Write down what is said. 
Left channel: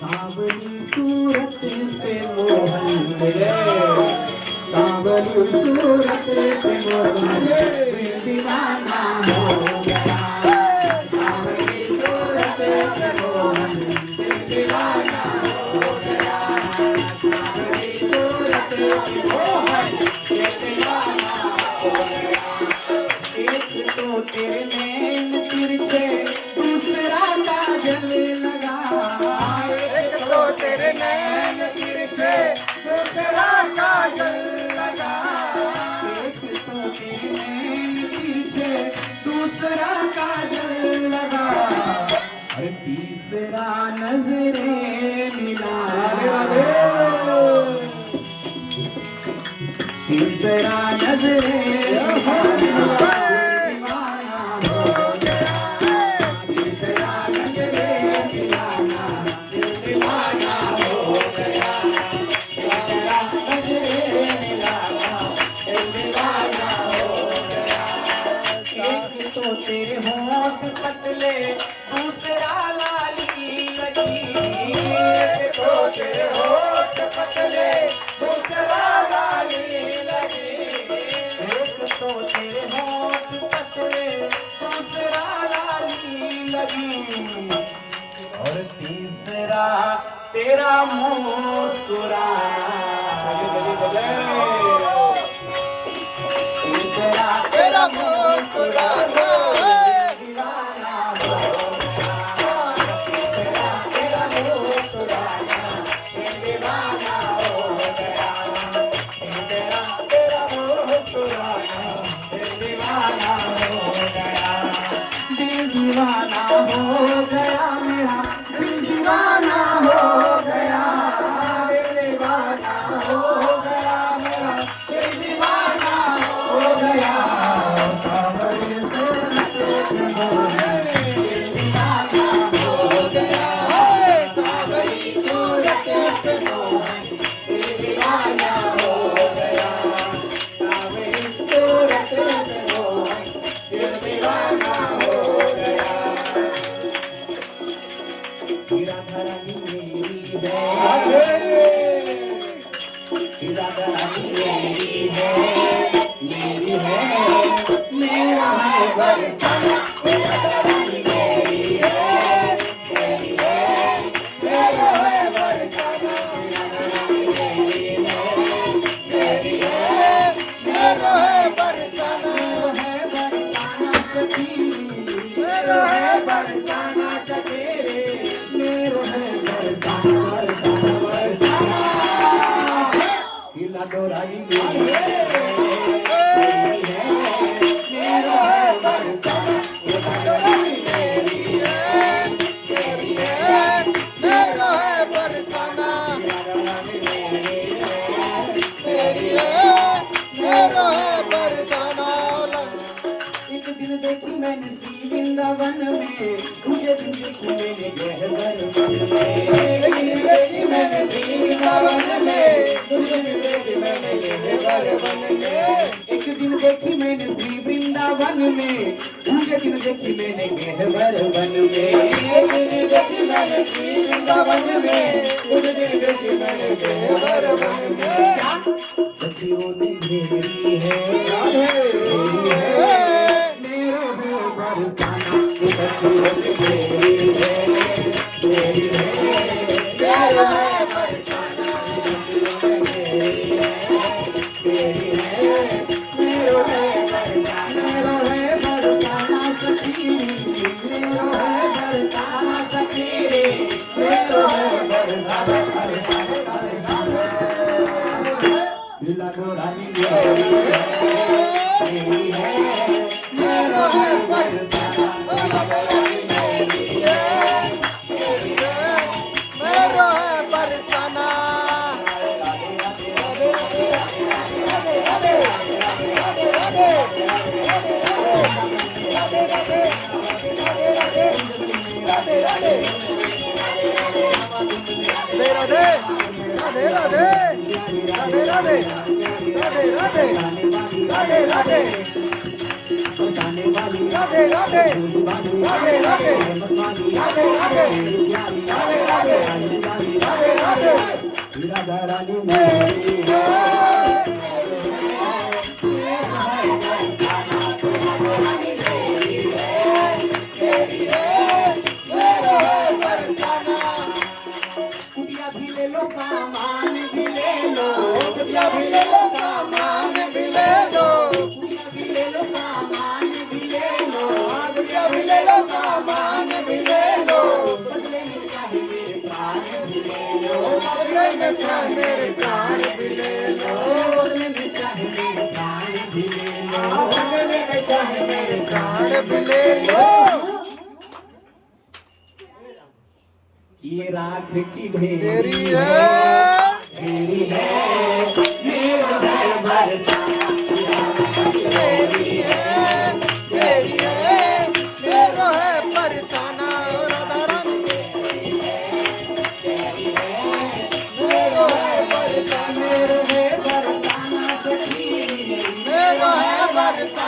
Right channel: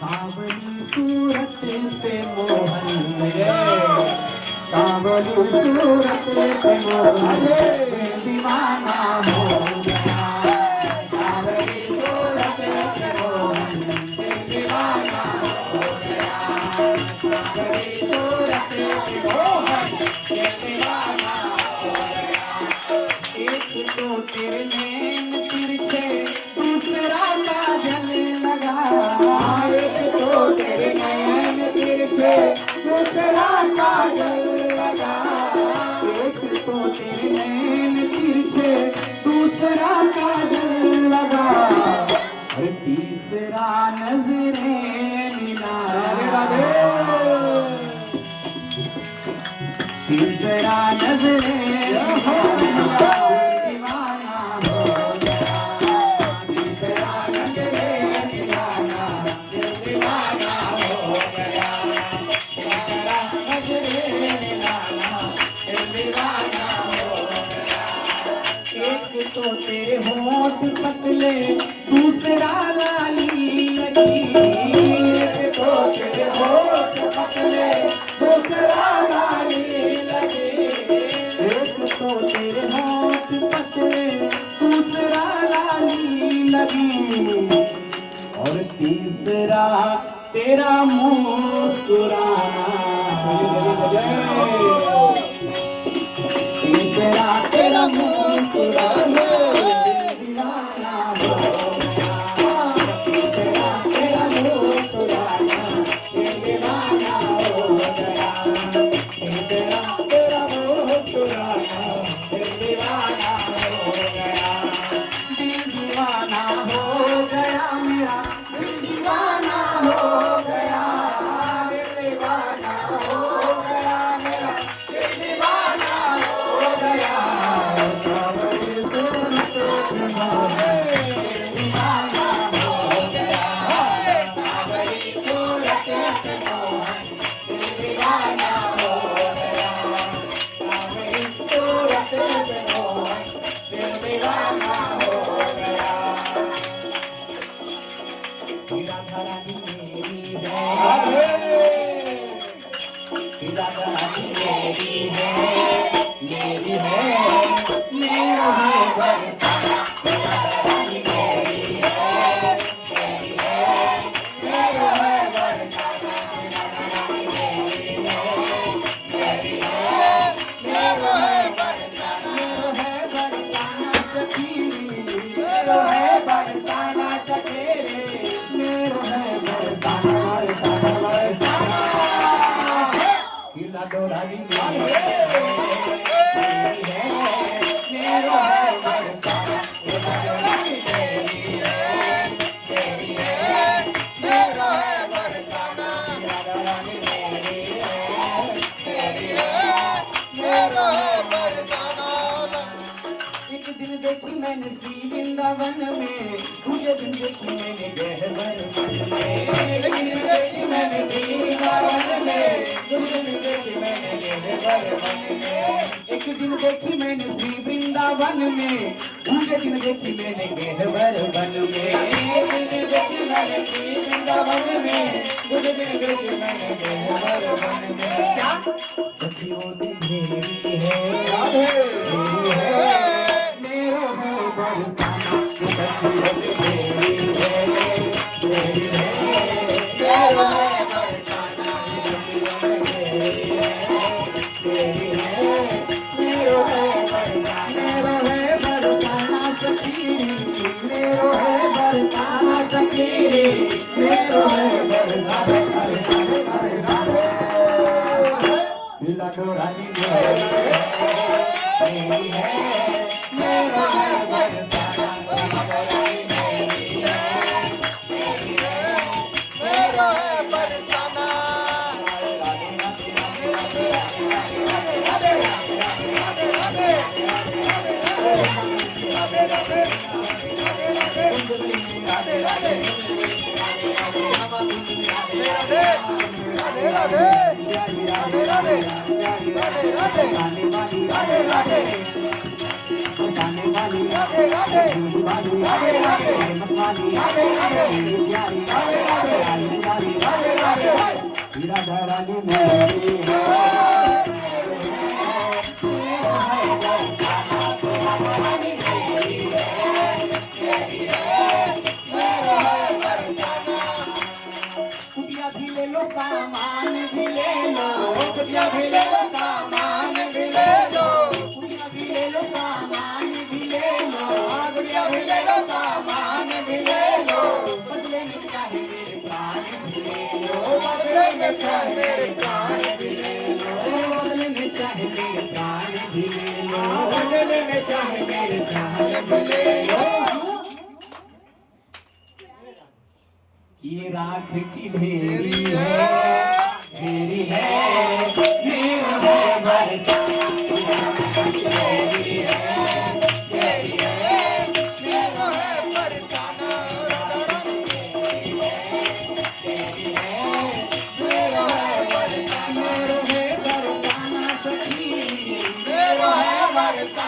बावली सूरत पे मोहन मिले, बावली सूरत पे मोहन दीवाना हो गया, बावली सूरत पे मोहन दीवाना हो गया, बावली सूरत पे मोहन दीवाना हो गया। एक तो तेरे नैन तिरछे, दूसरा काजल लगा, तेरे नैन तिरछे दूसरा काजल लगा, एक तो तेरे नैन तिरछे दूसरा काजल लगा, और तीसरा नजरे मिला, तीसरा नजरे तेरे होंठ पतले दूसरा लाली लगी, एक तो तेरे होंठ पतले दूसरा लाली लगी, एक तो तेरे होंठ पतले दूसरा लाली लगी, और तीसरा तेरा मुस्कुरा, तीसरा तेरा मुस्कुराना दीवाना हो गया मेरा, दीवाना हो गया, दीवाना हो गया मेरा, दीवाना हो गया, बावली सूरत पे मोहन दीवाना हो गया, बावली सूरत पे मोहन दीवाना हो गया, बावली सूरत पे मोहन दीवाना हो गया। तेरा घरानी मेरी है, तेरा घरानी मेरी है, मेरी है, मेरा है बरसाना, तेरा घरानी मेरी है, मेरी है, मेरा है बरसाना, मेरी है, मेरी है, मेरा है बरसाना, मेरा है बरसाना सकेरे, मेरा है बरसाना, बरसाना, बरसाना, हिला डोराई मेरी है, मेरी है, मेरा है बरसाना, हिला डोराई मेरी है, मेरी है, मेरा है बरसाना, मेरी है, मेरी है, मेरा है बरसाना। एक दिन देखी मैंने श्री वृंदावन में, मुझे दिन देखी मैंने गहवर मन में, एक दिन देखी मैंने श्री वृंदावन में, मुझे दिन देखी मैंने गहवर मन में, एक दिन देखी मैंने श्री वृंदावन में, मुझे दिन देखी मैंने गहवर मन में, एक दिन देखी मैंने श्री वृंदावन में, मुझे दिन देखी मैंने गहवर मन में, सखी वो दिन मेरी है, मेरी है, मेरा है बरसाना, सखी वो दिन मेरी है, मेरी है, मेरा है बरसाना, सखी वो दिन मेरी है, मेरी है, मेरा है बरसाना, मेरा है बरसाना सखी, मेरा है बरसाना सखी, मेरा है बरसाना, बरसाना, हिला डोराई मेरी है, मेरी है, मेरा है बरसाना, डोराई मेरी है, मेरी है, मेरा है बरसाना। वाली रानी मेरी प्यारी राधा रानी मेरी ये रात की ढेरी है मेरी है मेरा है बरसाना मेरी है मेरा है बरसाना